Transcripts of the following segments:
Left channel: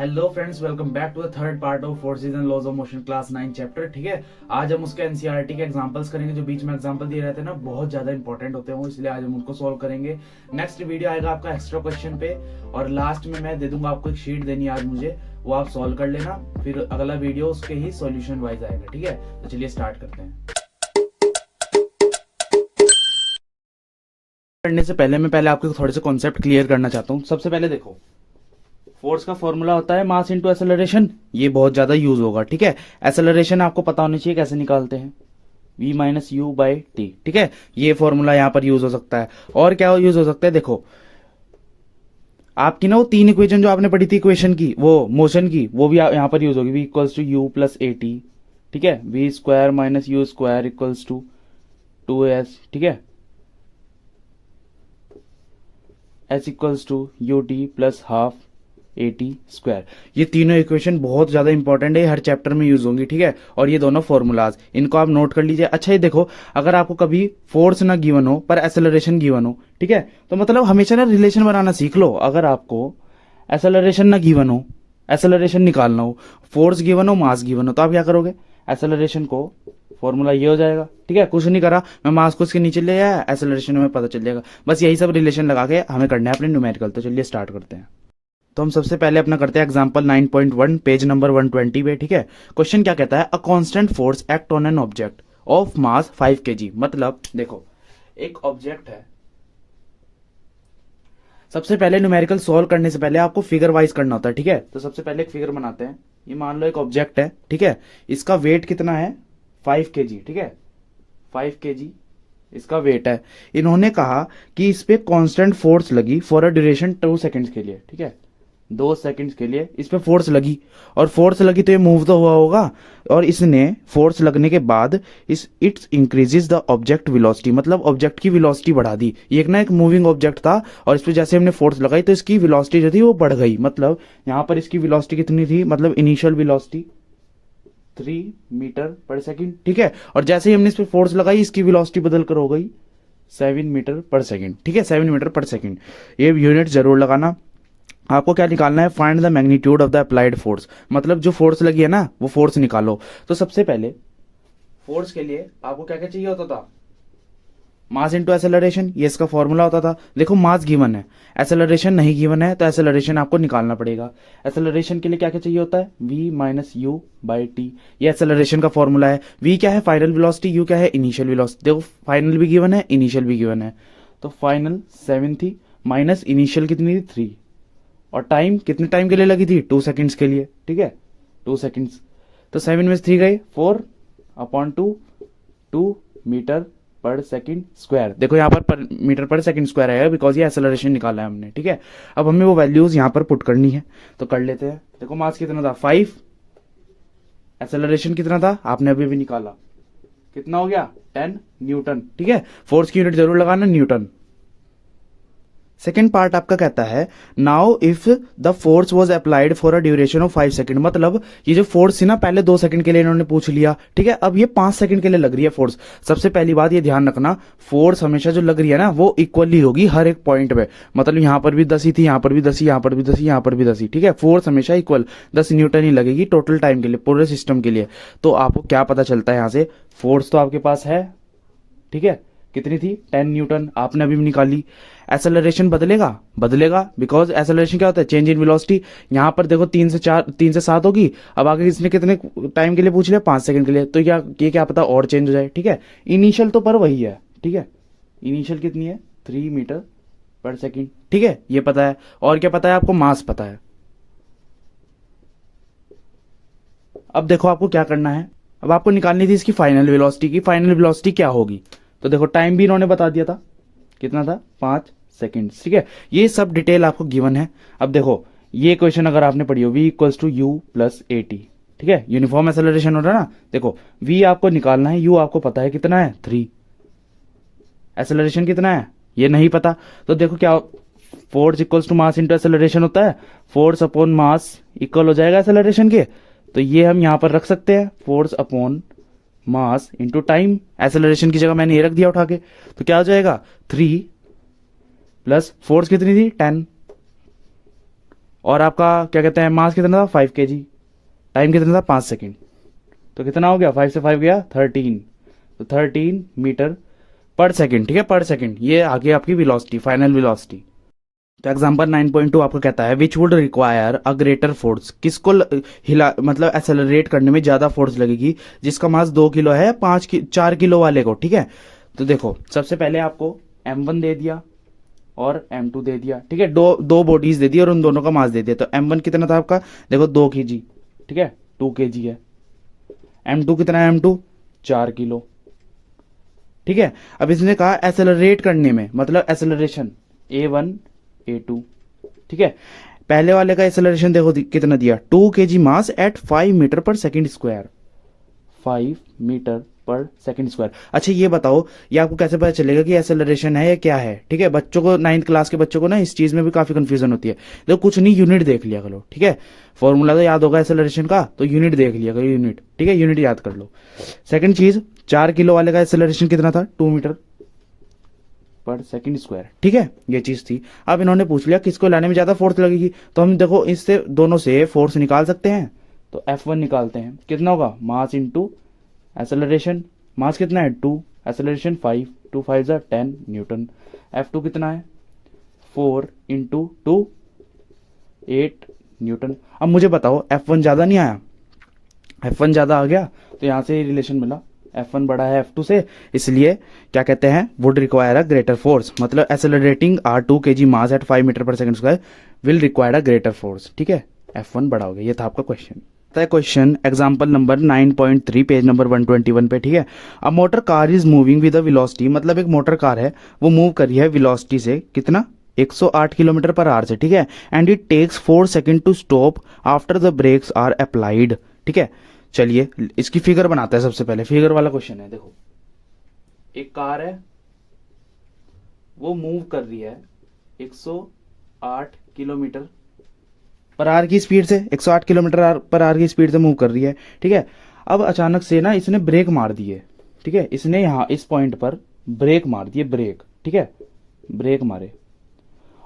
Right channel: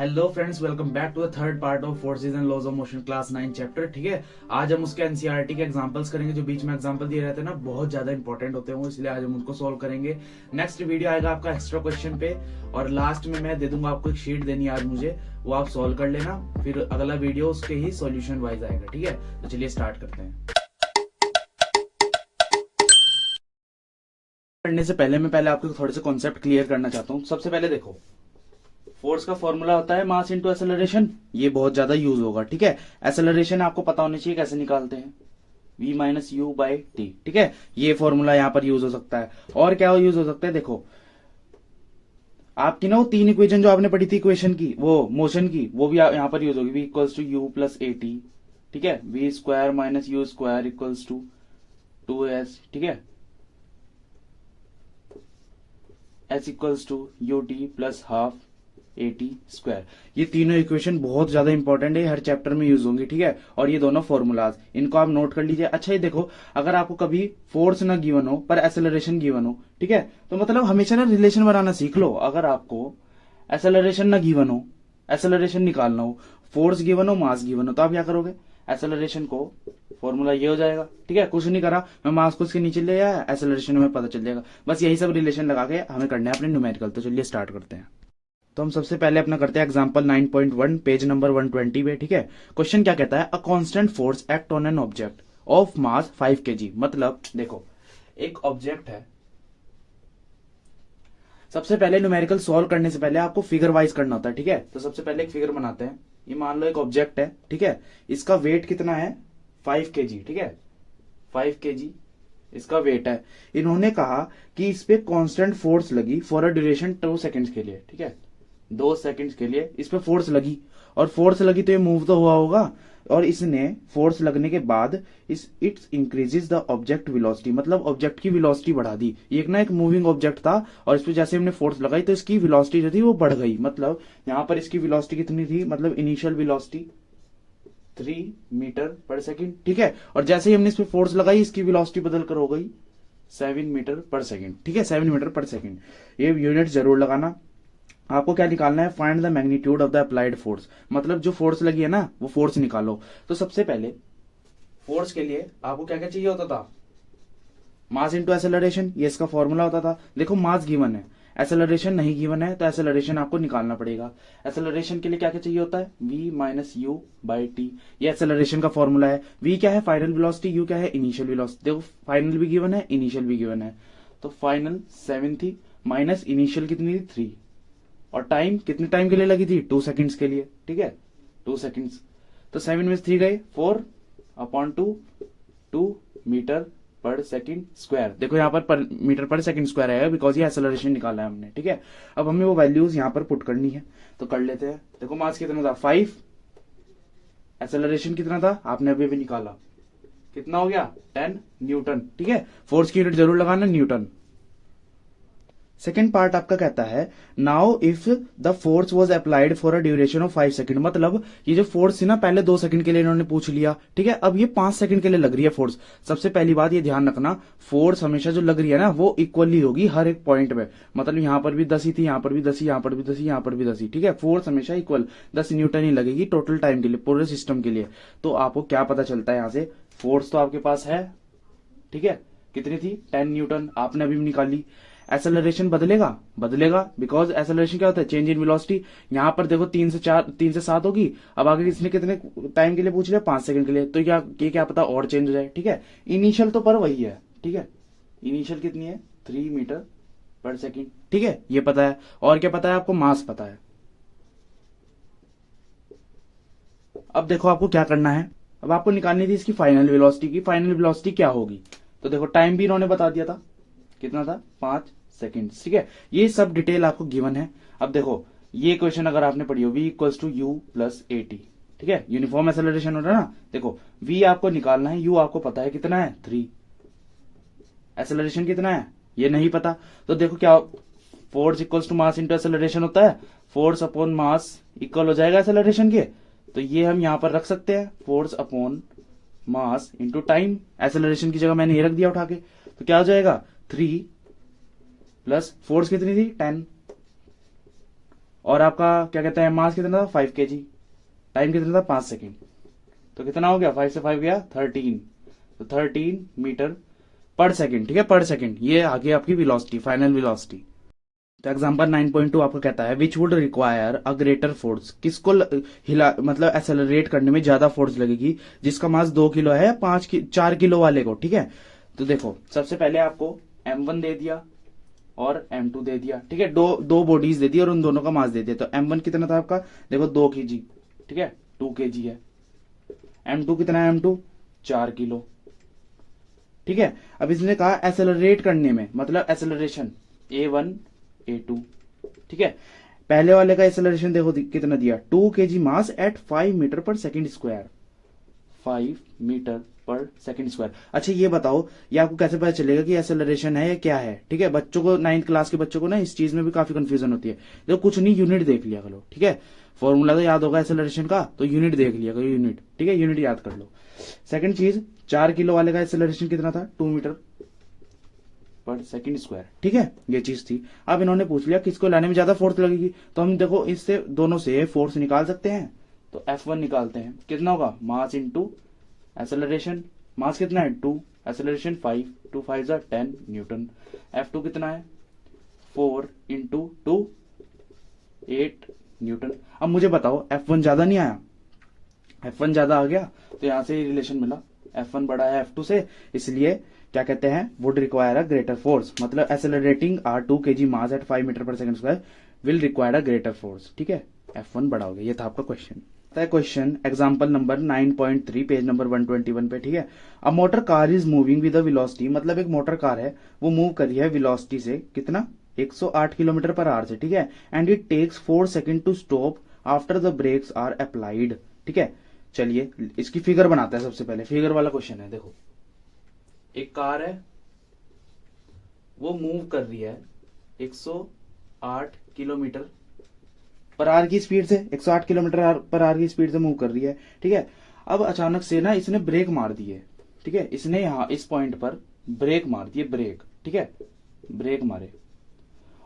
Hello friends, welcome back to the third part of forces and laws of motion class 9 chapter. ठीक है, आज हम उसके NCERT के एग्जांपल्स करेंगे। जो बीच में एग्जांपल दिए रहते हैं ना, बहुत ज्यादा इंपॉर्टेंट होते हैं वो, इसलिए आज हम उनको सॉल्व करेंगे। नेक्स्ट वीडियो आएगा आपका एक्स्ट्रा क्वेश्चन पे, और लास्ट में मैं दे दूंगा आपको एक शीट देनी है आज मुझे, वो आप सॉल्व कर लेना। फिर अगला वीडियो उसके ही सॉल्यूशन वाइज आएगा। ठीक है, तो चलिए स्टार्ट करते हैं। करने से पहले मैं आपके थोड़े से कॉन्सेप्ट क्लियर करना चाहता हूँ। सबसे पहले देखो, फोर्स का फॉर्मूला होता है मास इंटू एक्सेलरेशन। ये बहुत ज्यादा यूज होगा। ठीक है, एक्सेलरेशन आपको पता होना चाहिए कैसे निकालते हैं, v minus u by T. ठीक है, ये फॉर्मूला यहां पर यूज हो सकता है। और क्या यूज हो सकता है, देखो आपकी ना वो तीन इक्वेशन जो आपने पढ़ी थी इक्वेशन की, वो मोशन की, वो भी यहां पर यूज होगी। v equals to u plus a t. ठीक है, v square minus u square equals to 2s। ठीक है, s equals to u t plus half a t square. ये तीनों इक्वेशन बहुत ज्यादा इंपॉर्टेंट है, हर चैप्टर में यूज होंगी। ठीक है, और ये दोनों फॉर्मूलाज, इनको आप नोट कर लीजिए। अच्छा, ये देखो, अगर आपको कभी फोर्स ना गिवन हो पर एक्सेलरेशन गिवन हो, ठीक है, तो मतलब हमेशा ना रिलेशन बनाना सीख लो। अगर आपको एक्सेलरेशन ना गिवन हो, एक्सेलरेशन निकालना हो, फोर्स गिवन हो, मास गिवन हो, तो आप क्या करोगे, एक्सेलरेशन को फॉर्मूला ये हो जाएगा। ठीक है, कुछ नहीं करा, मैं मास को इसके नीचे ले आया, एक्सेलरेशन में पता चल जाएगा। बस यही सब रिलेशन लगा के हमें करना है अपने न्यूमेरिकल। तो चलिए स्टार्ट करते हैं। तो हम सबसे पहले अपना करते हैं एग्जांपल 9.1 पेज नंबर 120 पे। ठीक है, क्वेश्चन क्या कहता है, a constant force act on an object of mass 5 kg। मतलब देखो, एक ऑब्जेक्ट है। सबसे पहले न्यूमेरिकल सॉल्व करने से पहले आपको फिगर वाइज करना होता है। ठीक है, तो सबसे पहले एक फिगर बनाते हैं। ये मान लो एक ऑब्जेक्ट है। ठीक है, इसका वेट कितना है, 5 kg। ठीक है, 5 kg इसका वेट है। इन्होंने कहा कि इस पे कांस्टेंट फोर्स लगी फॉर अ ड्यूरेशन 2 सेकंड्स के लिए। ठीक है, 2 सेकंड्स के लिए इस पे फोर्स लगी, और फोर्स लगी तो ये मूव तो हुआ होगा, और इसने फोर्स लगने के बाद इस it's increases the object velocity, मतलब ऑब्जेक्ट की वेलोसिटी बढ़ा दी। ये एक ना एक मूविंग ऑब्जेक्ट था, और इस पे जैसे हमने फोर्स लगाई तो इसकी वेलोसिटी जो थी वो बढ़ गई। मतलब यहां पर इसकी वेलोसिटी कितनी थी, मतलब initial velocity 3 metre per second. ठीक है, और जैसे ही हमने इस पे फोर्स लगाई इसकी वेलोसिटी बदल कर हो गई 7 मीटर पर सेकंड। ठीक है, 7 मीटर पर सेकंड। ये यूनिट जरूर लगाना। आपको क्या निकालना है, find the magnitude of the applied force, मतलब जो फोर्स लगी है ना वो फोर्स निकालो। तो सबसे पहले फोर्स के लिए आपको क्या क्या चाहिए होता था, मास इंटू एक्सेलरेशन, ये इसका फॉर्मूला होता था। देखो मास गिवन है, एक्सेलरेशन नहीं गिवन है, तो एक्सेलरेशन आपको निकालना पड़ेगा। एक्सेलरेशन के लिए क्या क्या चाहिए होता है, v minus u by T. ये एक्सेलरेशन का फॉर्मूला है। v क्या है, फाइनल वेलोसिटी, u क्या है, इनिशियल वेलोसिटी। देखो फाइनल भी गिवन है, इनिशियल भी गिवन है, तो फाइनल 7 थी, माइनस इनिशियल कितनी थी 3, और टाइम कितने टाइम के लिए लगी थी, 2 सेकंड्स के लिए। ठीक है, 2 सेकंड्स, तो 7 में से 3 गए, 4/2, 2 मीटर पर सेकंड स्क्वायर। देखो यहाँ पर मीटर पर सेकंड स्क्वायर आएगा, बिकॉज ये एक्सेलरेशन निकाला है हमने। ठीक है, अब हमें वो वैल्यूज यहाँ पर पुट करनी है, तो कर लेते हैं। देखो मास कितना था 5, एक्सेलरेशन कितना था आपने अभी भी निकाला, कितना हो गया 10 न्यूटन। ठीक है, फोर्स की यूनिट जरूर लगाना, न्यूटन। सेकेंड पार्ट आपका कहता है, now if the force was applied for a duration of 5 second. मतलब ये जो फोर्स थी ना, पहले 2 सेकंड के लिए इन्होंने पूछ लिया। ठीक है, अब ये 5 सेकंड के लिए लग रही है फोर्स। सबसे पहली बात ये ध्यान रखना, फोर्स हमेशा जो लग रही है ना वो इक्वली होगी हर एक पॉइंट पे। मतलब यहां पर भी 10 ही थी, यहां पर भी 10 ही, यहां पर भी 10 ही, यहां पर भी 10 ही। ठीक है, फोर्स हमेशा इक्वल 10 न्यूटन ही लगेगी टोटल टाइम के लिए, पूरे सिस्टम के लिए। तो आपको क्या पता चलता है यहां से, फोर्स तो आपके पास है। ठीक है, कितनी थी 10 न्यूटन, आपने अभी भी निकाली। एक्सेलरेशन बदलेगा, बदलेगा, बिकॉज एक्सेलरेशन क्या होता है, चेंज इन वेलोसिटी। यहां पर देखो 3 से 7 होगी, अब आगे इसने कितने टाइम के लिए पूछ लिया, 5 सेकंड के लिए, तो क्या पता और चेंज हो जाए। ठीक है, इनिशियल तो पर वही है। ठीक है, इनिशियल कितनी है 3 मीटर पर सेकंड। ठीक है, ये पता है। और क्या पता है आपको, मास पता है। अब देखो आपको क्या करना है, अब आपको निकालनी थी इसकी फाइनल वेलोसिटी की। फाइनल वेलोसिटी क्या होगी, तो देखो टाइम भी इन्होंने बता दिया था, कितना था 5 सेकेंड। ठीक है, ये सब डिटेल आपको गिवन है। अब देखो ये क्वेश्चन अगर आपने पढ़ी हो, v equals to u plus a t. ठीक है, यूनिफॉर्म एक्सेलरेशन हो रहा है ना। देखो v आपको निकालना है, u आपको पता है कितना है 3, एक्सेलरेशन कितना है ये नहीं पता। तो देखो क्या, force equals to mass into acceleration होता है, फोर्स अपॉन मास इक्वल हो जाएगा एक्सेलरेशन के। तो ये हम यहां पर रख सकते हैं, force upon mass into time. Acceleration की जगह मैंने ये रख दिया उठा के, तो क्या हो जाएगा 3 प्लस फोर्स कितनी थी 10, और आपका क्या कहते हैं मास कितना था 5 kg, टाइम कितना था 5 सेकेंड, तो कितना हो गया 5 से 5 गया 13, तो 13 मीटर पर सेकेंड, ठीक है, पर सेकेंड। ये आगे आपकी वेलोसिटी, फाइनल वेलोसिटी। तो एग्जांपल 9.2 आपको कहता है which would require a greater force, किसको हिला मतलब एक्सेलरेट करने में ज्यादा फोर्स लगेगी, जिसका मास 2 किलो है 4 किलो वाले को, ठीक है। तो देखो सबसे पहले आपको m1 दे दिया और m2 दे दिया, ठीक है, दो दो बॉडीज दे दी और उन दोनों का मास दे दिया। तो m1 कितना था आपका, देखो 2 kg, ठीक है, 2 kg है। m2 कितना है, m2 4 किलो, ठीक है। अब इसने कहा एसेलरेट करने में, मतलब एसेलरेशन a1 a2, ठीक है। पहले वाले का एसेलरेशन देखो कितना दिया, 2 kg mass at 5 metre per second square, 5 metre per second square. अच्छा ये बताओ, ये आपको कैसे पता चलेगा कि एसेलरेशन है या क्या है, ठीक है। बच्चों को 9th क्लास के बच्चों को ना इस चीज में भी काफी कंफ्यूजन होती है। देखो कुछ नहीं, यूनिट देख लिया करो, ठीक है। फॉर्मूला तो याद होगा एसेलरेशन का, तो यूनिट देख लिया करो, यूनिट, ठीक है, यूनिट याद कर लो। सेकंड चीज, 4 किलो वाले का एसेलरेशन कितना था, 2 मीटर पर सेकेंड स्क्वायर, ठीक है, ये चीज थी। अब इन्होंने पूछ लिया किसको लाने में ज्यादा फोर्स लगेगी, तो हम देखो इससे दोनों से फोर्स निकाल सकते हैं। तो F1 निकालते हैं, कितना होगा, मास इंटू एसेलरेशन, मास कितना है 2, एसेलरेशन 5, 2 5 जा 10 न्यूटन। F2 कितना है 4 इंटू 2 8 न्यूटन। अब मुझे बताओ F1 ज्यादा नहीं आया, F1 ज्यादा आ गया, तो यहां से रिलेशन मिला, F1 बड़ा है F2 से, इसलिए क्या कहते हैं, would require a greater force, मतलब accelerating are 2 kg mass at 5 metre per second square will require a greater force, ठीक है, F1 बड़ा हो गया। ये था आपका question. Question example number 9.3 page number 121 पे, ठीक है। A motor car is moving with a velocity, मतलब एक मोटर कार है वो मूव कर रही है वेलोसिटी से, कितना 108 किलोमीटर पर आवर से, ठीक है। And it takes 4 second to stop after the brakes are applied, ठीक है। चलिए इसकी फिगर बनाते हैं, सबसे पहले फिगर वाला क्वेश्चन है। देखो एक कार है वो मूव कर रही है 108 किलोमीटर पर आवर की स्पीड से, 108 किलोमीटर पर आवर की स्पीड से मूव कर रही है, ठीक है। अब अचानक से ना इसने ब्रेक मार दी है, ठीक है, इसने यहां इस पॉइंट पर ब्रेक मार दी है, ब्रेक, ठीक है, ब्रेक मारे।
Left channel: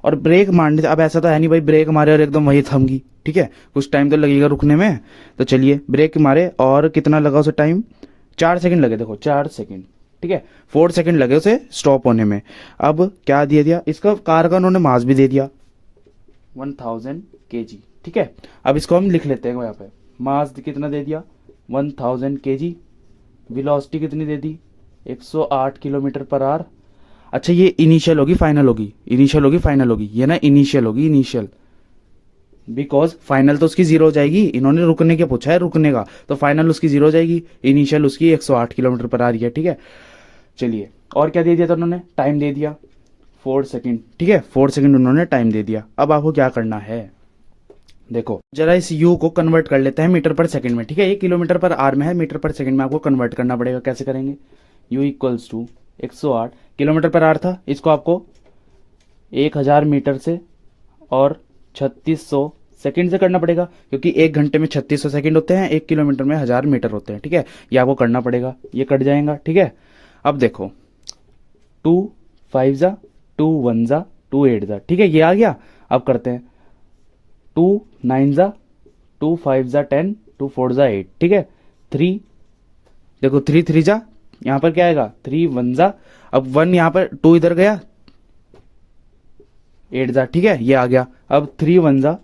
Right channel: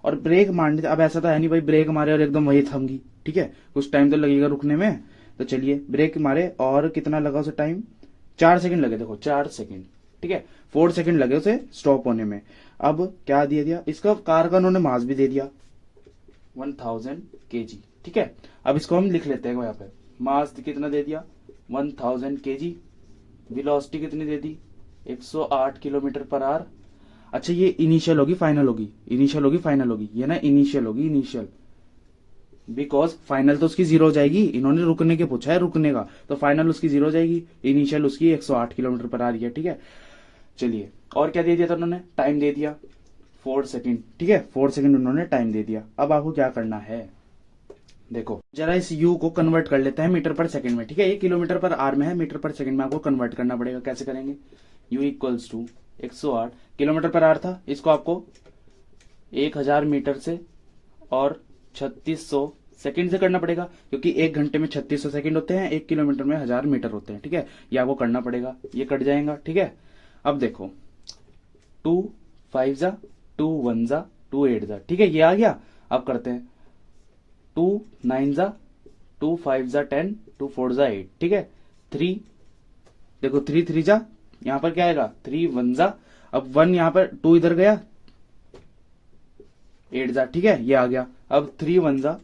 और ब्रेक मारने से, अब ऐसा तो है नहीं भाई ब्रेक मारे और एकदम वही थम गई, ठीक है, कुछ टाइम तो लगेगा रुकने में। तो चलिए ब्रेक मारे और कितना लगा उसे टाइम, 4 सेकंड लगे, देखो 4 सेकंड, ठीक है, 4 सेकंड लगे उसे स्टॉप होने में। अब क्या दे दिया, इसका कार का उन्होंने मास भी दे दिया 1000 kg, ठीक है। अब इसको हम लिख लेते हैं यहाँ पे, मास कितना दे दिया 1000 kg, वेलोसिटी कितनी दे दी 108 किलोमीटर पर आवर। अच्छा ये इनिशियल होगी फाइनल होगी, इनिशियल होगी फाइनल होगी, ये ना इनिशियल होगी, इनिशियल, बिकॉज फाइनल तो उसकी 0 हो जाएगी, इन्होंने रुकने के पूछा है, रुकने का, तो फाइनल उसकी 0 हो जाएगी, इनिशियल उसकी 108 किलोमीटर पर आ रही है, ठीक है। चलिए और क्या दे दिया था उन्होंने, टाइम दे दिया 4 सेकेंड, ठीक है, 4 सेकेंड उन्होंने टाइम दे दिया। अब आपको क्या करना है, देखो जरा इस u को कन्वर्ट कर लेते हैं मीटर पर सेकंड में, ठीक है, ये किलोमीटर पर आवर में है, मीटर पर सेकंड में आपको कन्वर्ट करना पड़ेगा। कैसे करेंगे, u equals to 108 kilometre per hour था, इसको आपको 1000 मीटर से और 3600 सेकंड से करना पड़ेगा, क्योंकि 1 घंटे में 3600 सेकंड होते हैं, 1 किलोमीटर में 1000 मीटर होते हैं, ठीक है, ये आपको करना पड़ेगा, ये कट जाएगा, ठीक है। अब देखो 2 5 जा 2 1 जा 2 8 जा, ठीक है, ये आ गया। अब करते हैं 2 9 जा 2 5 जा 10 2 4 जा 8, ठीक है, 3 देखो 3 3 जा, यहां पर क्या आएगा 3 1 जा, अब 1 यहां पर 2 इधर गया 8 जा, ठीक है, ये आ गया। अब 3 1 जा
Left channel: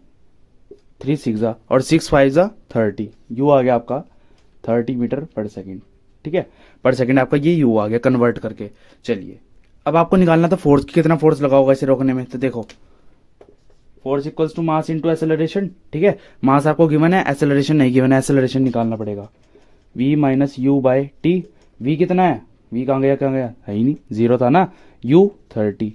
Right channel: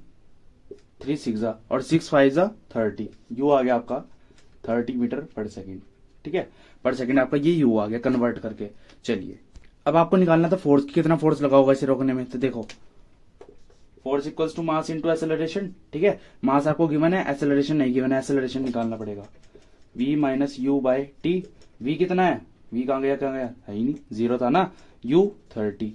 3 6 जा और 6 5 जा 30, यू आ गया आपका 30 मीटर पर सेकेंड, ठीक है, पर सेकेंड आपका ये यू आ गया कन्वर्ट करके। चलिए अब आपको निकालना था फोर्स, कितना फोर्स लगा होगा इसे रोकने में, तो देखो force equals to mass into acceleration, ठीक है, मास आपको गिवन है, एसेलरेशन नहीं गिवन है, एसेलरेशन निकालना पड़ेगा, v minus u by T. v कितना है, v कहाँ गया है ही नहीं, 0 था ना, u 30।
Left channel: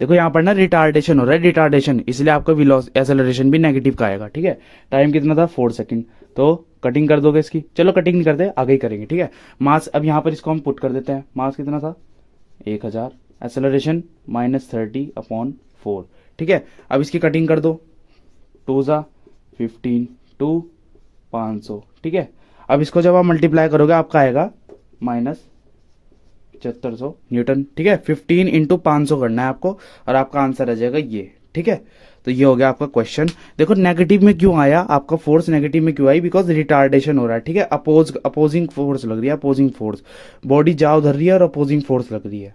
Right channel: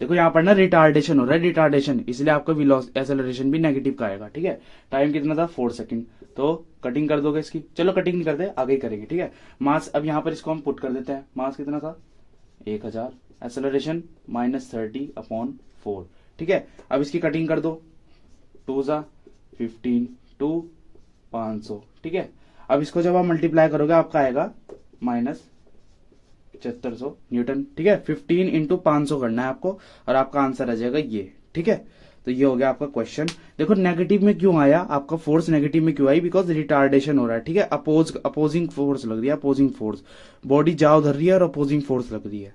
देखो यहाँ पर ना रिटार्डेशन हो रहा है, रिटार्डेशन, इसलिए आपका एसेलरेशन भी नेगेटिव का आएगा, ठीक है। टाइम कितना था 4 सेकंड, तो कटिंग कर दोगे इसकी, चलो कटिंग नहीं करते आगे ही करेंगे, ठीक है। मास अब यहाँ पर इसको हम पुट कर देते हैं, मास कितना था 1000, एसेलरेशन -30/4, ठीक है। अब इसकी कटिंग कर दो, 2 जा 15 2 500, ठीक है। अब इसको जब आप मल्टीप्लाई करोगे आपका आएगा -7500 न्यूटन, ठीक है। 15 इंटू 500 करना है आपको और आपका आंसर आ जाएगा ये, ठीक है। तो ये हो गया आपका क्वेश्चन। देखो नेगेटिव में क्यों आया, आपका फोर्स नेगेटिव में क्यों आई, बिकॉज रिटार्डेशन हो रहा है, ठीक है। अपोजिंग फोर्स लग रही है, अपोजिंग फोर्स, बॉडी जा उधर रही है और अपोजिंग फोर्स लग रही है।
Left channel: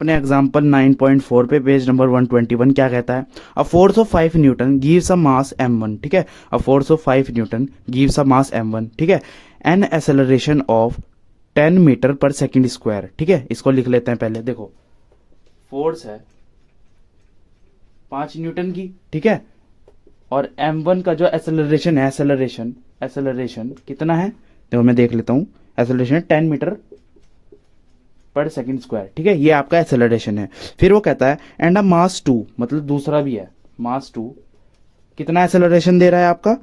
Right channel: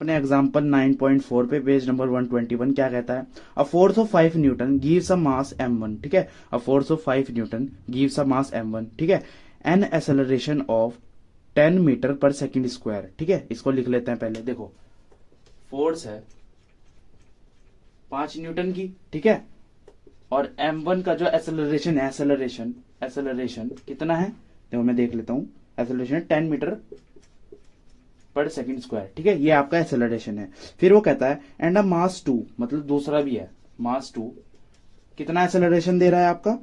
अपने एग्जांपल 9.4 पे पेज नंबर 121 क्या कहता है, a force of 5 Newton gives a mass m1, ठीक है। A force of 5 Newton gives a mass m1, ठीक है, an acceleration of 10 metre per second square, ठीक है। इसको लिख लेते हैं पहले। देखो फोर्स है 5 न्यूटन की, ठीक है, और m1 का जो एक्सेलरेशन है, एक्सेलरेशन कितना है, देखो मैं देख लेता हूं, acceleration 10 metre per second square, ठीक है, ये आपका एक्सेलरेशन है। फिर वो कहता है एंड अ मास 2, मतलब दूसरा भी है मास 2, कितना एक्सेलरेशन दे रहा है आपका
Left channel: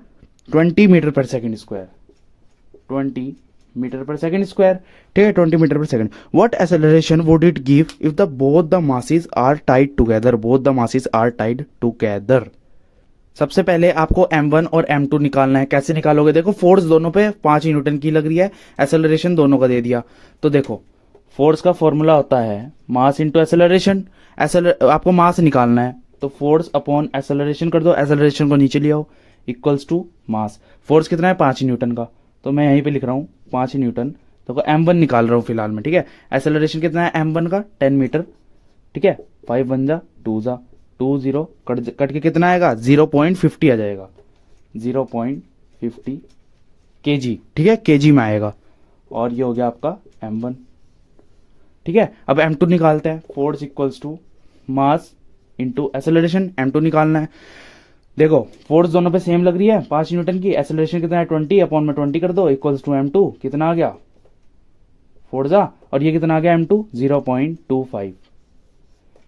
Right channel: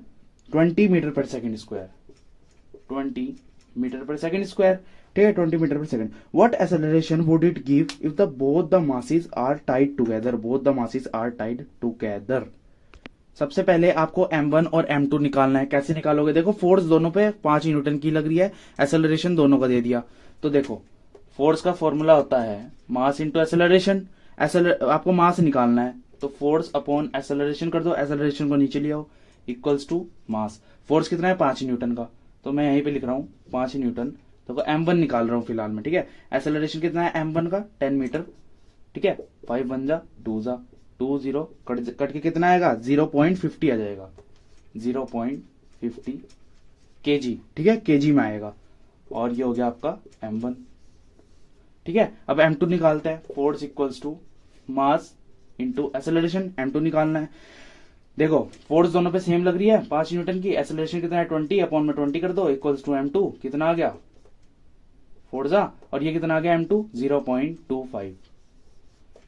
20 metre per second square, 20 metre per second square, ठीक है, 20 metre per second. What acceleration would it give if the both the masses are tied together, both the masses are tied together. सबसे पहले आपको m1 और m2 निकालना है। कैसे निकालोगे, देखो फोर्स दोनों पे 5 न्यूटन की लग रही है, एक्सेलरेशन दोनों का दे दिया। तो देखो फोर्स का फॉर्मूला होता है मास इंटू एक्सेलरेशन, आपको मास निकालना है तो फोर्स अपॉन एक्सेलरेशन कर दो, एक्सेलरेशन को नीचे ले आओ, इक्वल्स टू मास। फोर्स कितना है 5 न्यूटन का, तो मैं यहीं पे लिख रहा हूँ 5 न्यूटन, तो m1 निकाल रहा हूँ फिलहाल में, ठीक है। एक्सेलरेशन कितना है m1 का 10 मीटर, ठीक है, 5 1 जा 2 जा 2 0 कट के कितना आएगा 0.50 आ जाएगा, 0.50 kg, ठीक है, kg में आएगा। और ये हो गया आपका m1, ठीक है। अब m2 निकालते हैं, force equals to mass into acceleration, m2 निकालना है। देखो फोर्स दोनों पे सेम लग रही है 5 न्यूटन की, एक्सेलरेशन कितना है 20, अपॉन में 20 कर दो, इक्वल्स टू m2 कितना आ गया 4 जा, और ये कितना आ गया m2 0.25,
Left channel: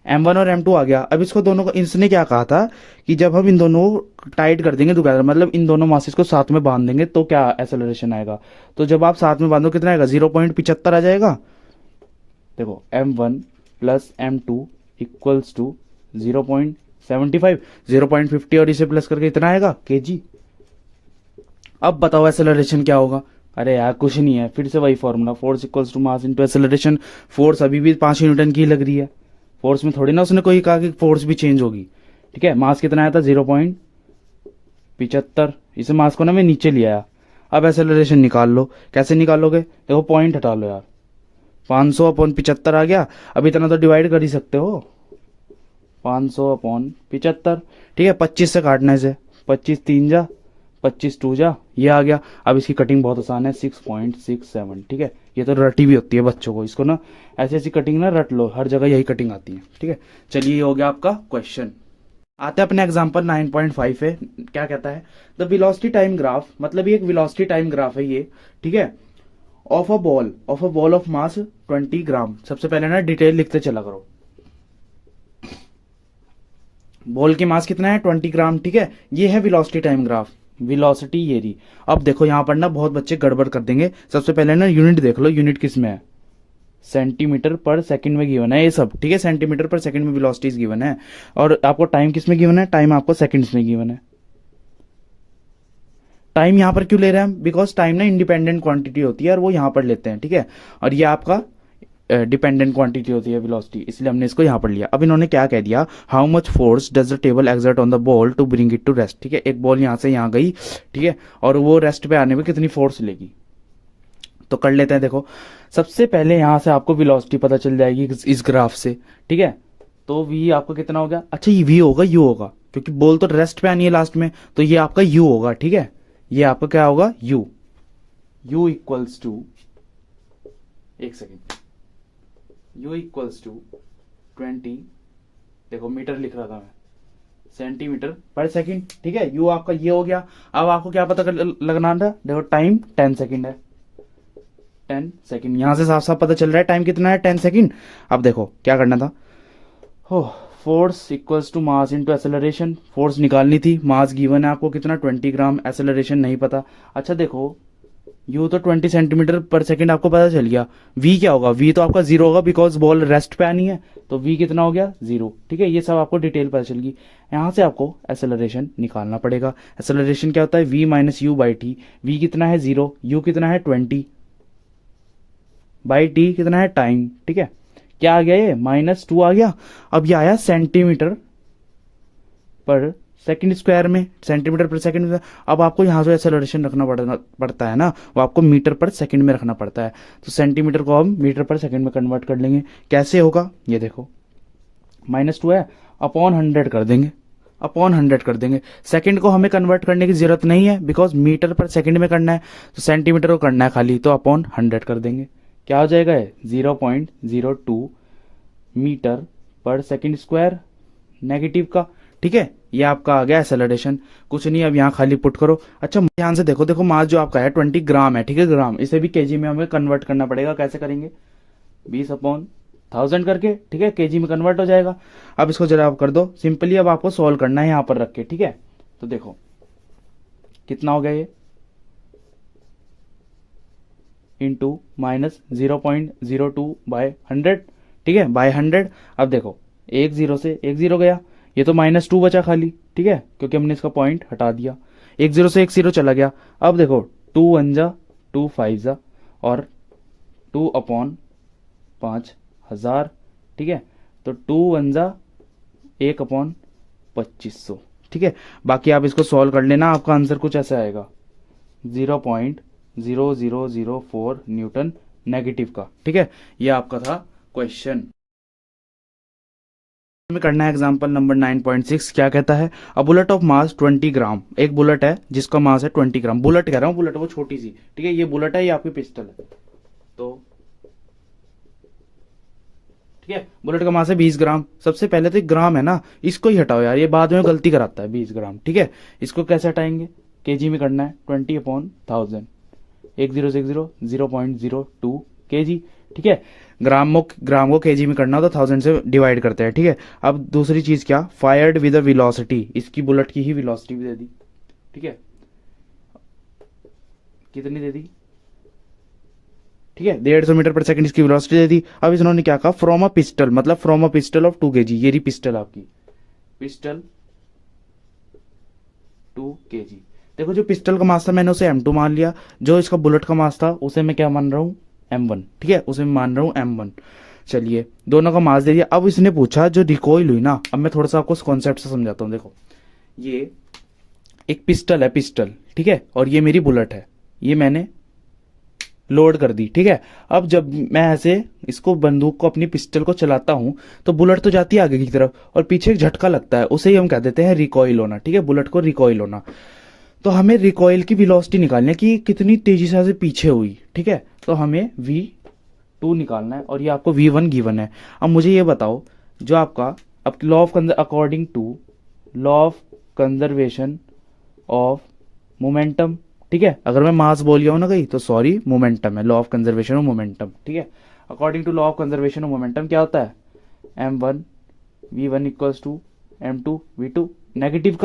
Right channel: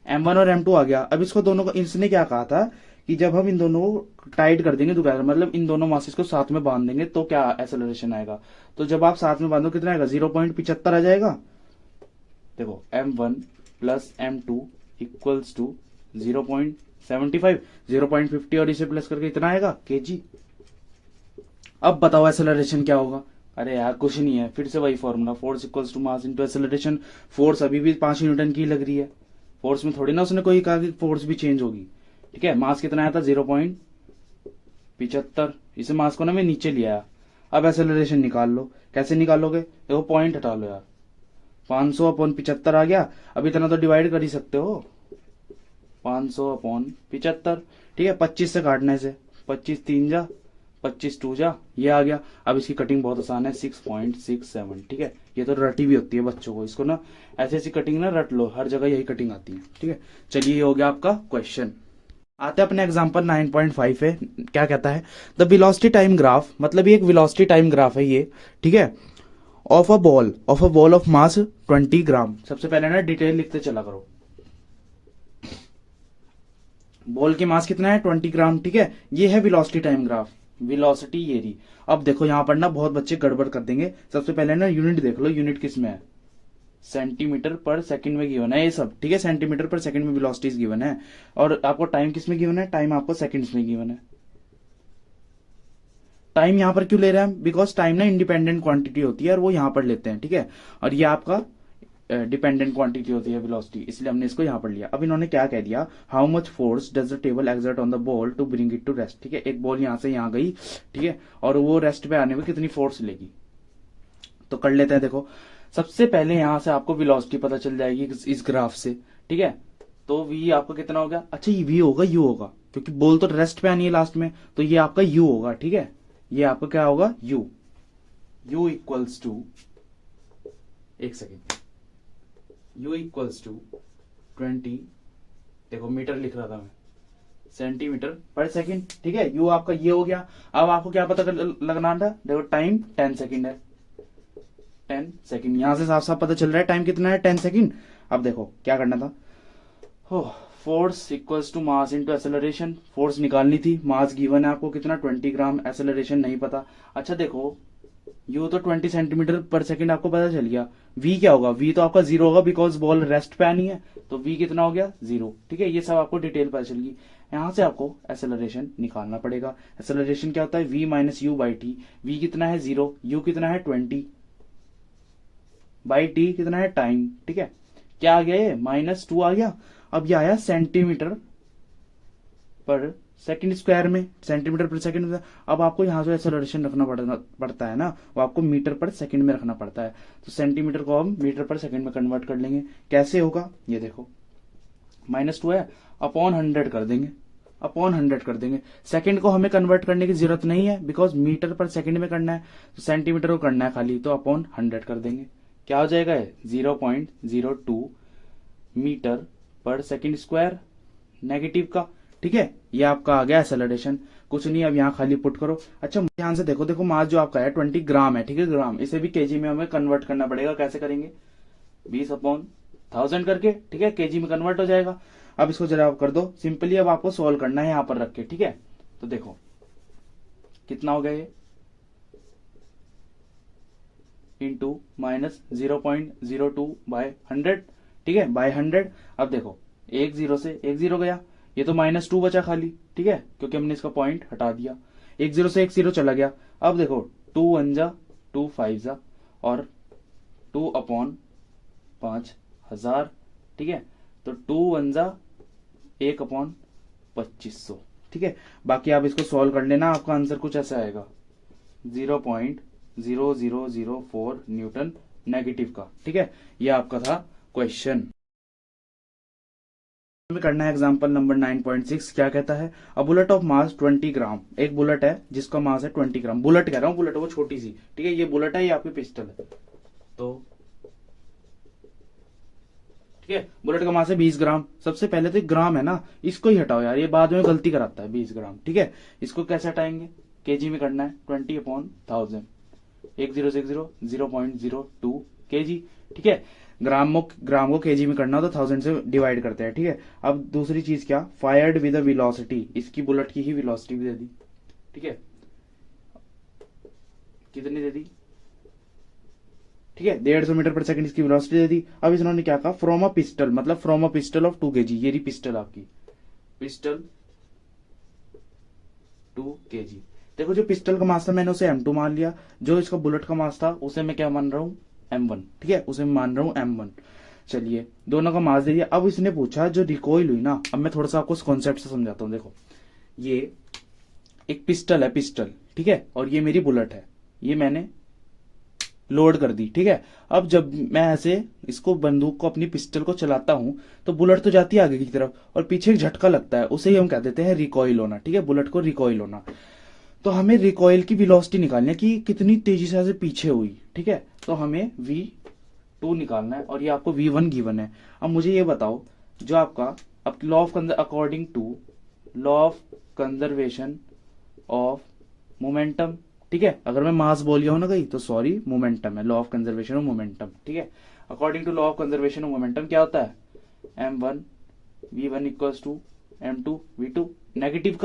m1 और m2 आ गया। अब इसको दोनों को, इसने क्या कहा था कि जब हम इन दोनों टाइट कर देंगे टुगेदर, मतलब इन दोनों मासेस को साथ में बांध देंगे तो क्या एक्सेलरेशन आएगा, तो जब आप साथ में बांधो कितना आएगा 0.75 आ जाएगा। देखो m1 plus m2 equals to 0.75, 0.50 और इसे प्लस करके इतना आएगा kg। अब बताओ एक्सेलरेशन क्या होगा, अरे यार कुछ नहीं है, फिर से वही formula, force equals to mass into acceleration. Force अभी भी 5 न्यूटन की लग रही है, फोर्स में थोड़ी ना उसने कोई कहा कि फोर्स भी चेंज होगी, ठीक है। मास कितना आया था 0.75, इसे मास को ना मैं नीचे लिया। अब एक्सेलरेशन निकाल लो, कैसे निकालोगे, देखो पॉइंट हटा लो यार, 500 अपॉन 75 आ गया। अब इतना तो डिवाइड कर ही सकते हो, 500 अपॉन 75, ठीक है, 25 से काटने से, 25 3 जा 25 2 जा, ये आ गया। अब इसकी कटिंग बहुत आसान है, 6.67, ठीक है। ये तो रटी भी होती है बच्चों को, इसको ना ऐसी ऐसी कटिंग ना रट लो, हर जगह यही कटिंग आती है, ठीक है। चलिए ये हो गया आपका क्वेश्चन। आते हैं अपने एग्जांपल 9.5 पे, क्या कहता है, द वेलोसिटी टाइम ग्राफ, मतलब ये एक वेलोसिटी टाइम ग्राफ है ये, ठीक है, of a ball of mass 20 ग्राम। सबसे पहले ना डिटेल लिखते चला करो, बॉल की मास कितना है 20 ग्राम, ठीक है। ये है वेलोसिटी टाइम ग्राफ, वेलोसिटी ये रही। अब देखो यहां पर ना बहुत बच्चे गड़बड़ कर देंगे। सबसे पहले ना यूनिट देख लो, यूनिट किस में है, सेंटीमीटर पर सेकंड में गिवन है ये सब, ठीक है, सेंटीमीटर पर सेकंड में वेलोसिटीज गिवन है। और आपको टाइम किस में गिवन है, टाइम आपको सेकंड्स में गिवन है। टाइम यहां पर क्यों ले रहे हैं, बिकॉज टाइम ना इंडिपेंडेंट क्वांटिटी होती है और वो यहां पर लेते हैं, ठीक है। और ये आपका डिपेंडेंट क्वांटिटी होती है वेलोसिटी, इसलिए हमने इसको यहां पर लिया। अब इन्होंने क्या कह दिया, how much force does the table exert on the ball to bring it to rest, ठीक है। एक बॉल यहां से यहां गई, ठीक है, और वो रेस्ट पे आने में कितनी फोर्स लेगी, तो कर लेते हैं। देखो सबसे पहले यहां से आपको वेलोसिटी पता चल जाएगी इस ग्राफ से, ठीक है। तो v आपको कितना हो गया, अच्छा ये v होगा u होगा, क्योंकि बॉल तो रेस्ट पे आनी है लास्ट में, तो ये आपका u होगा, ठीक है। ये आपका क्या होगा u इक्वल्स टू, एक सेकेंड, u इक्वल्स टू 20, देखो मीटर लिख रहा था मैं, सेंटीमीटर पर सेकंड, ठीक है। u आपका ये हो गया। अब आपको क्या पता लगना था, देखो टाइम 10 सेकंड है, 10 सेकंड, यहां से साफ साफ पता चल रहा है टाइम कितना है 10 सेकंड। अब देखो क्या करना था, हो force equals to mass into acceleration, force निकालनी थी, मास गिवन है आपको कितना 20 ग्राम, एक्सेलरेशन नहीं पता। अच्छा देखो यू तो 20 सेंटीमीटर पर सेकंड आपको पता चल गया, वी क्या होगा, वी तो आपका 0 होगा बिकॉज बॉल रेस्ट पे आनी है, तो वी कितना हो गया 0, ठीक है। ये सब आपको डिटेल पता चल गई। यहां से आपको एक्सेलरेशन निकालना पड़ेगा। एक्सेलरेशन क्या होता है, v minus u by t, v कितना है 0, यू कितना है 20 बाई टी कितना है टाइम, ठीक है। क्या आ गया ये -2 आ गया। अब ये आया सेंटीमीटर पर सेकंड स्क्वायर में, सेंटीमीटर पर सेकंड में। अब आपको यहाँ जो एक्सेलरेशन रखना पड़ता है ना, वो आपको मीटर पर सेकंड में रखना पड़ता है। तो सेंटीमीटर को हम मीटर पर सेकंड में कन्वर्ट कर लेंगे। कैसे होगा ये देखो, -2 है, अपॉन 100 कर देंगे, अपॉन 100 कर देंगे। सेकंड को हमें कन्वर्ट करने की जरूरत नहीं है, बिकॉज मीटर पर सेकंड में करना है, तो सेंटीमीटर को करना है खाली, तो अपॉन 100 कर देंगे। क्या हो जाएगा है 0.02 metre per second square negative का। ठीक है, ये आपका आ गया एक्सेलरेशन। कुछ नहीं, अब यहाँ खाली पुट करो। अच्छा ध्यान से देखो, देखो मास जो आपका है 20 ग्राम है, ठीक है, ग्राम। इसे भी केजी में हमें कन्वर्ट करना पड़ेगा। कैसे करेंगे, 20/1000 करके, ठीक है, केजी में कन्वर्ट हो जाएगा। अब इसको जरा आप कर दो सिंपली। अब आपको सॉल्व करना है यहाँ पर रख के, ठीक है। तो देखो कितना हो गया ये, इंटू -0.02/100, ठीक है, बाय 100। अब देखो 1 0 से 1 0 गया, ये तो -2 बचा खाली, ठीक है, क्योंकि हमने इसका पॉइंट हटा दिया। 1 0 से 1 0 चला गया। अब देखो 2 1 जा 2 5 जा और 2/5000, ठीक है। तो 2 1 जा 1/2500, ठीक है। बाकी आप इसको सॉल्व कर लेना, आपका आंसर कुछ ऐसा आएगा 0.0004 न्यूटन नेगेटिव का, ठीक है। ये आपका था क्वेश्चन। हमें करना है एग्जांपल नंबर 9.6। क्या कहता है, अ बुलेट ऑफ मास 20 ग्राम। एक बुलेट है जिसका मास है 20 ग्राम। बुलेट कह रहा हूँ, बुलेट वो छोटी सी, ठीक है, ये बुलेट है, ये आपकी पिस्टल है। तो ठीक है, बुलेट का मास है 20 ग्राम। सबसे पहले तो ग्राम है ना, इसको ही हटाओ यार, ये बाद में गलती कराता है 20 ग्राम, ठीक है। इसको कैसे हटाएंगे, केजी में करना है, 20/1000, 1 0 से 1 0, 0.02 केजी, ठीक है। ग्राम को केजी में करना, तो 1000 से डिवाइड करते हैं, ठीक है। अब दूसरी चीज क्या, फायर्ड विद अ वेलोसिटी, इसकी बुलेट की ही वेलोसिटी भी दे दी, ठीक है। कितनी दे दी, ठीक है, 150 मीटर पर सेकंड इसकी वेलोसिटी दे दी। अब इन्होंने क्या कहा, फ्रॉम अ पिस्टल, मतलब from a pistol of 2 kg। ये रही पिस्टल आपकी, पिस्टल 2 kg। देखो जो पिस्टल का मास था मैंने उसे M2 मान लिया, जो इसका बुलेट का मास था उसे मैं क्या मान रहा हूँ, M1, ठीक है, उसे मैं मान रहा हूँ M1। चलिए दोनों का मास दे दिया। अब इसने पूछा जो रिकॉइल हुई ना, अब मैं थोड़ा सा आपको कॉन्सेप्ट से समझाता हूँ। देखो ये एक पिस्टल है, पिस्टल, ठीक है, और ये मेरी बुलेट है, ये मैंने लोड कर दी, ठीक है। अब जब मैं ऐसे इसको बंदूक को, अपनी पिस्टल को चलाता हूं, तो बुलेट तो जाती है आगे की तरफ और पीछे एक झटका लगता है, उसे ही हम कह देते हैं रिकॉइल होना, ठीक है, बुलेट को रिकॉइल होना। तो हमें रिकॉइल की वेलोसिटी निकालनी है कि कितनी तेजी से पीछे हुई, ठीक है। तो हमें V2 निकालना है, और ये आपको V1 गिवन है। अब मुझे ये बताओ, जो आपका अब law of according to law of conservation of momentum, ठीक है, अगर मैं मास बोल गया हूं ना कहीं तो सॉरी, मोमेंटम है, law of conservation of momentum, ठीक है। According to law of conservation of momentum क्या होता है, M1 V1 equals to M2 V2, negative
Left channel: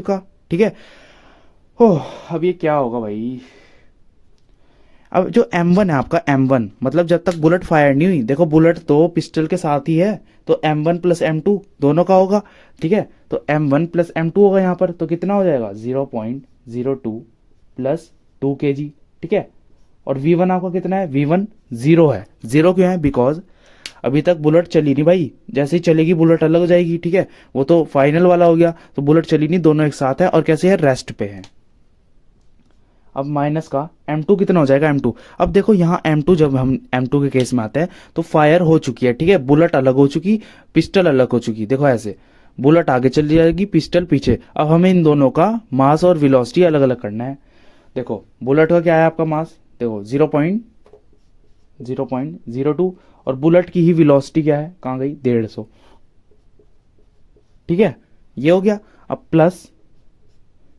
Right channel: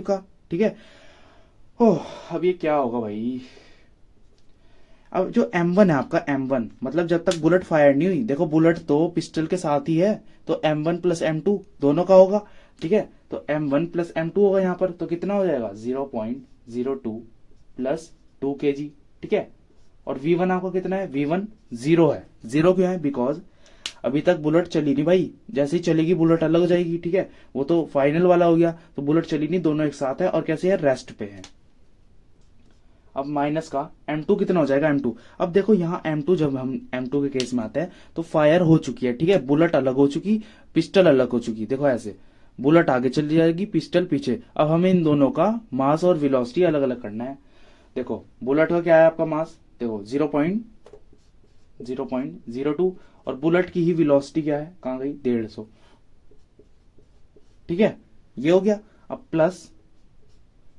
का, ठीक है। ओह अब ये क्या होगा भाई, अब जो M1 है आपका, M1 मतलब जब तक बुलेट फायर नहीं हुई, देखो बुलेट तो पिस्टल के साथ ही है, तो M1 प्लस M2 दोनों का होगा, ठीक है। तो M1 प्लस M2 होगा यहाँ पर, तो कितना हो जाएगा 0.02 प्लस 2 kg, ठीक है। और V1 आपका कितना है, V1 0 है। 0 क्यों है, बिकॉज अभी तक बुलेट चली नहीं भाई, जैसे ही चलेगी बुलेट अलग हो जाएगी, ठीक है, वो तो फाइनल वाला हो गया। तो बुलेट चली नहीं, दोनों एक साथ है, और कैसे है, रेस्ट पे है। अब माइनस का M2 कितना हो जाएगा, M2। अब देखो यहाँ M2, जब हम M2 के केस में आते हैं तो फायर हो चुकी है, ठीक है, बुलेट अलग हो चुकी, पिस्टल अलग हो चुकी। देखो ऐसे बुलेट आगे चली जाएगी, पिस्टल पीछे। अब हमें इन दोनों का मास और वेलोसिटी अलग अलग करना है। देखो बुलेट का क्या है आपका मास, देखो 0.02, और बुलेट की ही वेलोसिटी क्या है, कहाँ गई, 150, ठीक है, ये हो गया। अब प्लस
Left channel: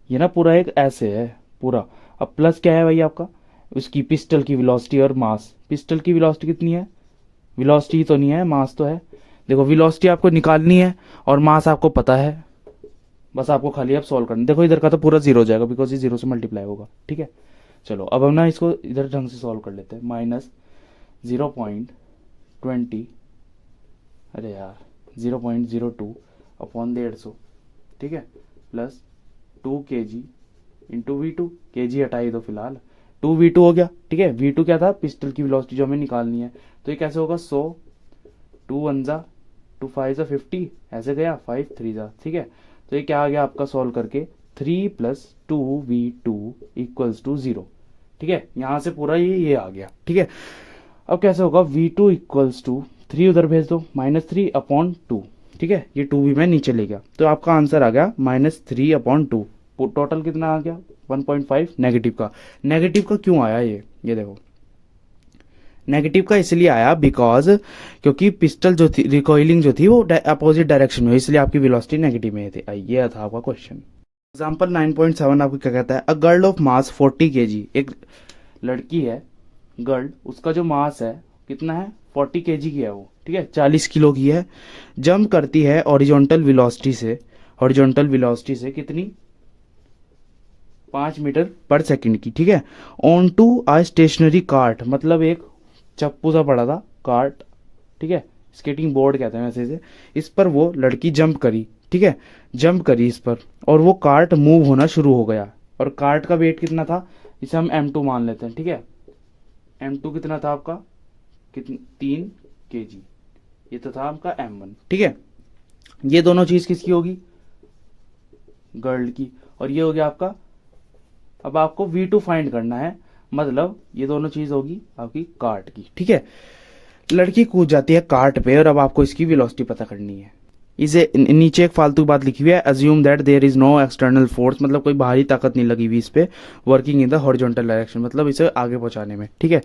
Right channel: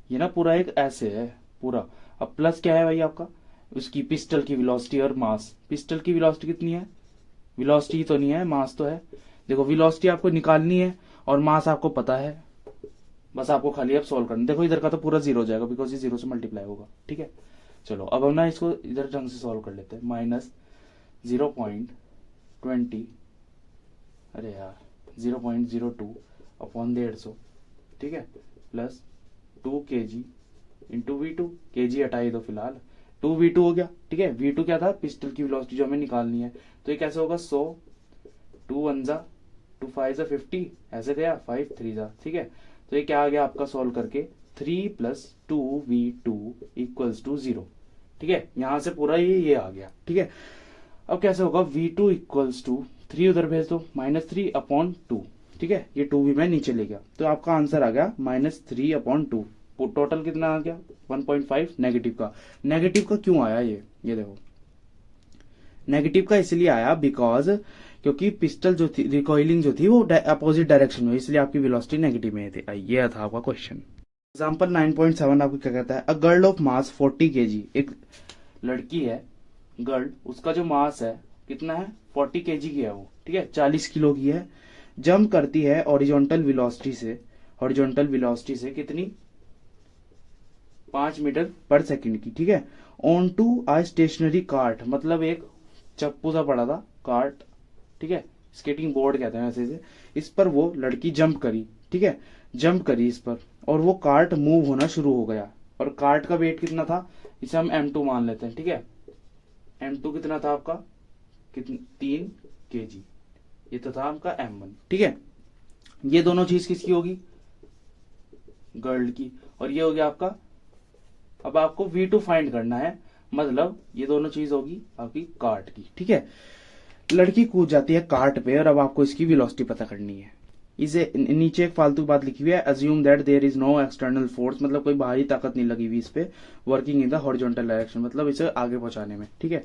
ये ना पूरा एक ऐसे है पूरा। अब प्लस क्या है भाई आपका, उसकी पिस्टल की वेलोसिटी और मास। पिस्टल की वेलोसिटी कितनी है, वेलोसिटी तो नहीं है, मास तो है। देखो वेलोसिटी आपको निकालनी है और मास आपको पता है, बस आपको खाली अब सॉल्व करना। देखो इधर का तो पूरा 0 हो जाएगा, बिकॉज ये 0 से मल्टीप्लाई होगा, ठीक है। चलो अब हम ना इसको इधर ढंग से सॉल्व कर लेते हैं। -0.20, अरे यार 0.02 अपॉन 150, ठीक है, plus 2 kg into V2, kg हटाई दो फिलहाल, 2V2 हो गया, ठीक है। V2 क्या था, पिस्टल की वेलोसिटी जो हमें निकालनी है। तो ये कैसे होगा, 100, 2 1 जा 2 5 जा 50, ऐसे गया 5 3 जा, ठीक है। तो ये क्या आ गया आपका सॉल्व करके 3 + 2v2 = 0। ठीक है, यहां से पूरा ये आ गया। ठीक है, अब कैसे होगा, v2 = 3 उधर भेज दो, -3/2। ठीक है, ये 2 भी मैं नीचे ले गया, तो आपका आंसर आ गया -3/2। टोटल कितना आ गया 1.5 नेगेटिव का। नेगेटिव का क्यों आया ये देखो, नेगेटिव का इसलिए आया बिकॉज क्योंकि पिस्टल जो थी, रिकॉइलिंग जो थी वो अपोजिट डायरेक्शन में, इसलिए आपकी वेलोसिटी नेगेटिव में थी। ये था आपका क्वेश्चन। एग्जाम्पल 9.7 आपको क्या कहता है, a girl of mass 40 kg, एक लड़की है गर्ल, उसका जो मास है कितना है 40 kg की है वो। ठीक है, 40 किलो की है, जंप करती है हॉरिजॉन्टल वेलोसिटी से कितनी 5 मीटर पर सेकंड की। ठीक है, on to a stationary cart, मतलब एक चप्पू सा पड़ा था कार्ट। ठीक है, स्केटिंग बोर्ड कहते हैं वैसे इसे। इस पर वो लड़की जंप करी। ठीक है, जंप करी इस पर, और वो कार्ट मूव होना शुरू हो गया। और कार्ट का वेट कितना था, इसे हम m2 मान लेते हैं। ठीक है, m2 कितना था आपका, कितना 3 kg, ये तो था आपका m1। ठीक है, ये दोनों चीज किसकी होगी, गर्ल की, और ये हो गया आपका। अब आपको v2 फाइंड करना है, मतलब ये दोनों चीज होगी आपकी कार्ट की। ठीक है, लड़की कूद जाती है कार्ट पे, और अब आपको इसकी वेलोसिटी पता करनी है। इसे नीचे एक फालतू बात लिखी हुई है, assume that there is no external force, मतलब कोई बाहरी ताकत नहीं लगी हुई इस पे, working in the horizontal direction, मतलब इसे आगे पहुंचाने में। ठीक है,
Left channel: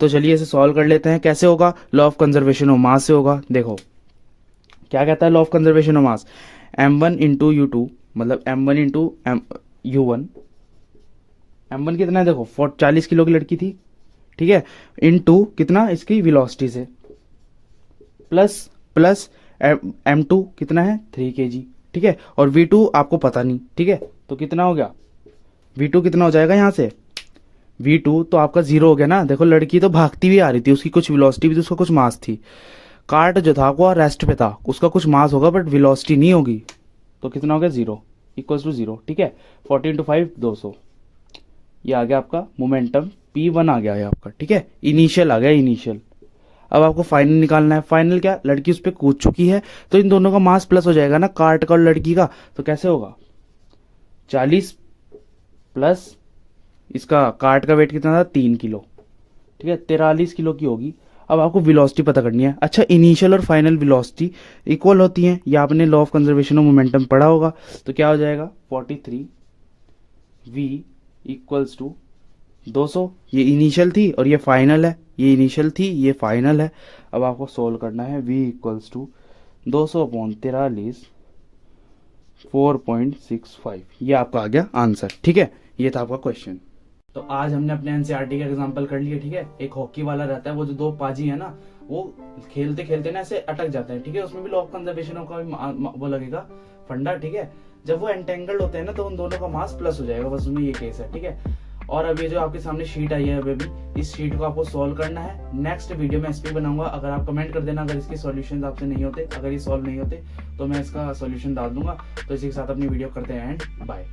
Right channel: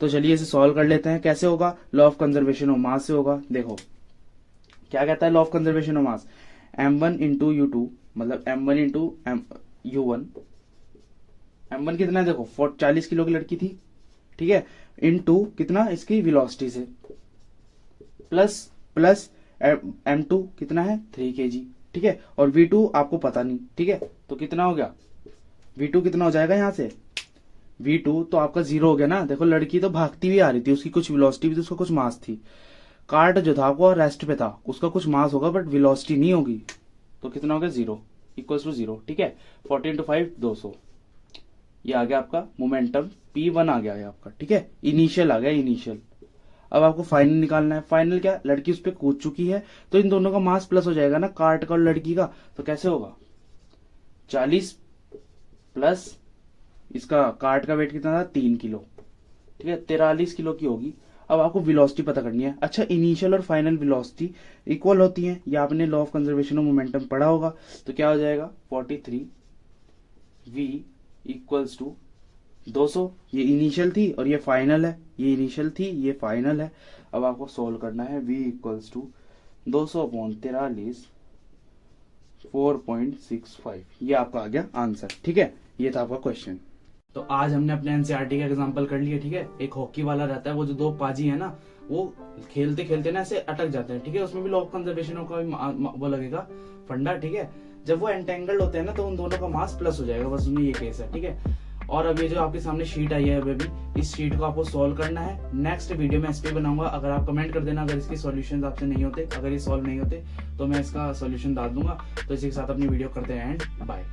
तो चलिए इसे सॉल्व कर लेते हैं। कैसे होगा, law of conservation of mass से होगा। देखो क्या कहता है law of conservation of mass, m1 × u2, मतलब m1 × u1। m1 कितना है देखो, 40 किलो की लड़की थी। ठीक है, इनटू कितना इसकी वेलोसिटी से, प्लस m2 कितना है 3 kg। ठीक है, और v2 आपको पता नहीं। ठीक है, तो कितना हो गया, v2 कितना हो जाएगा यहाँ से, v2 तो आपका 0 हो गया ना। देखो लड़की तो भागती भी आ रही थी, उसकी कुछ वेलोसिटी भी थी, उसका कुछ मास थी। कार्ट जो था वो रेस्ट पे था, उसका कुछ मास होगा बट वेलोसिटी नहीं होगी, तो कितना हो गया 0 = 0। ठीक है, 40 × 5 200, ये आ गया आपका मोमेंटम p1 आ गया है आपका। ठीक है, इनिशियल आ गया इनिशियल। अब आपको फाइनल निकालना है। फाइनल क्या, लड़की उस पर कूद चुकी है, तो इन दोनों का मास प्लस हो जाएगा ना, कार्ट का और लड़की का। तो कैसे होगा, 40 प्लस इसका कार्ट का वेट कितना था 3 किलो। ठीक है, 43 किलो की होगी। अब आपको वेलोसिटी पता करनी है। अच्छा, इनिशियल और फाइनल वेलोसिटी इक्वल होती हैं, या आपने law of conservation of momentum पढ़ा होगा। तो क्या हो जाएगा 43v = 200, ये इनिशियल थी और ये फाइनल है, ये इनिशियल थी ये फाइनल है। अब आपको सोल्व करना है, v = 200/43 4.65, ये आपका आ गया आंसर। ठीक है, ये था आपका क्वेश्चन। तो आज हमने अपने एनसीईआरटी का एग्जांपल कर लिया। ठीक है, एक हॉकी वाला रहता है, वो जो दो पाजी है ना, वो खेलते खेलते ना ऐसे अटक जाते हैं। ठीक है, उसमें भी लॉ ऑफ कंजर्वेशन का भी वो लगेगा फंडा। ठीक है, जब वो एंटेंगल्ड होते हैं ना, तो उन दोनों का मास प्लस हो जाएगा, बस उसमें ये केस है। ठीक है, और अब ये जो आपके सामने शीट आई है अभी, इस शीट को आपको सॉल्व करना है। नेक्स्ट वीडियो में इस पे बनाऊंगा। अगर आप कमेंट कर देना अगर इसके सॉल्यूशंस आपसे नहीं होते, अगर ये सॉल्व नहीं होते, तो मैं इसका सॉल्यूशन डाल दूंगा। तो इसी के साथ अपनी वीडियो करते हैं एंड बाय।